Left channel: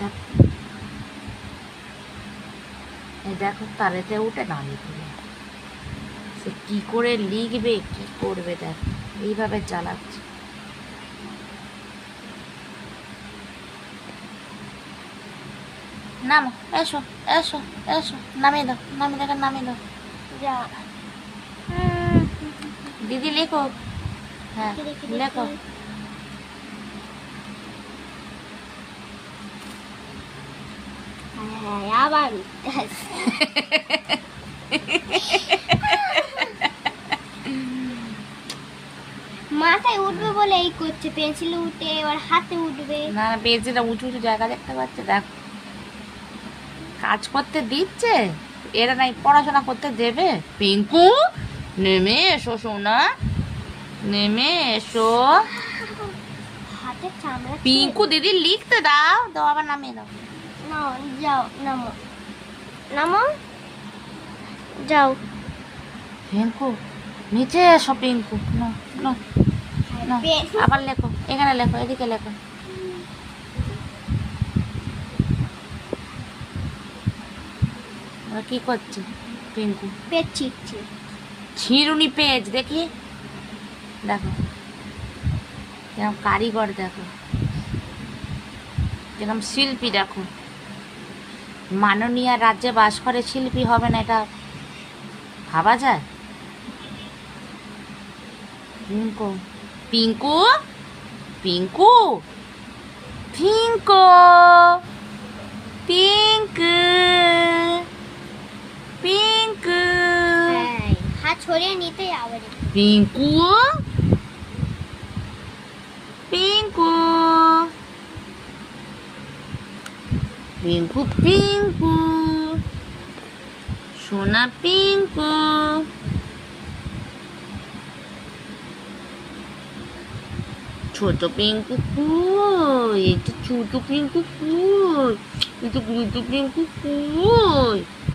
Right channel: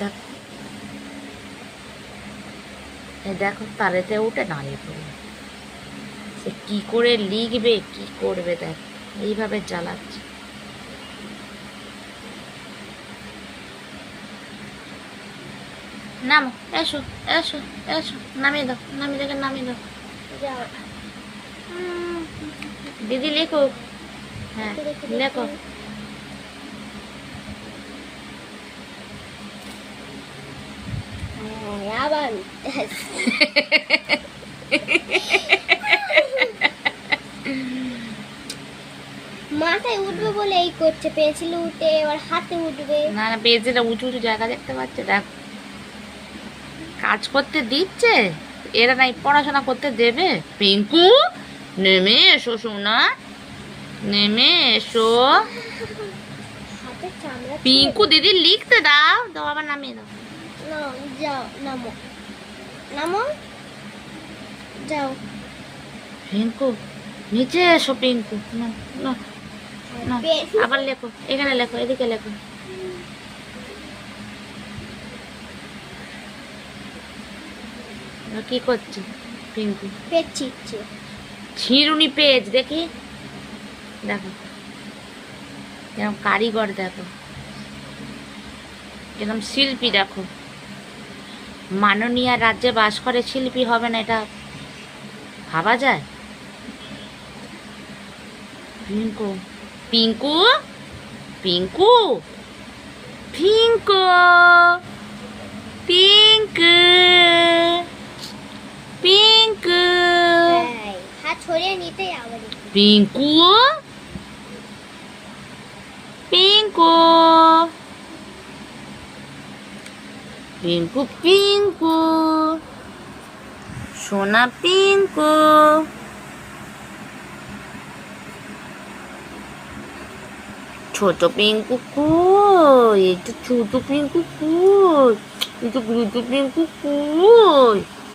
দেখ, এই দেখো তারেতে উঠে দাঁড়িয়ে পড়ল। সে কি করে লিখবে, কি করবে, দেখ এইভাবে চালাচ্ছে। নামো, এসো এসো এসো, নামিয়ে দাও, নামিয়ে দেখে নামিয়ে দাও। যাও। দিদি লিখুক। হ্যাঁ লেখো। আবার মাথায় উঠবে বলে এই করছে, পেন্সিল উঠে এবার হাতে উঠবে। না না, পেন্সিলটা উঁচু উঁচু জায়গা দেখতে পাচ্ছে, দেখ কাজ করতে দিচ্ছে, এরা নাই পড়াশোনা করতে দেবে। পিঙ্কু নেমে এসো সোনা, নেমে এসো। হাতে চামড়া পিঙ্কু দিদি লিখতে দাও, দাও আবার নামিয়ে দাও। নাও, যাও, নামো নামো, যাও। পিঙ্কু নিচে এসো, পিঙ্কু না না না, আবার লেখো, এখানে লেখো, এদিকে লেখো। কি করছি পিঙ্কু? পেট ছিটছে। ছিঁড়ুনি পেজ দেখি, দেখো কিরম কারিগর, দেখো কিরম শিল্পী, দেখো মাননীয় রাজ্যে বাস করে শিল্পী হবে না, এটা ভাবা যায়? পিঙ্কু পিঙ্কু পিঙ্কু পিঙ্কু পিঙ্কু পিঙ্কু হাত ছড়িয়ে নিতে আবার পিঙ্কু পিঙ্কু পিঙ্কু পিঙ্কু সোনা পিঙ্কু। ছোট পিঙ্কু কই, এই তো ছোট পিঙ্কু কই, এই তো ছোট পিঙ্কু কই।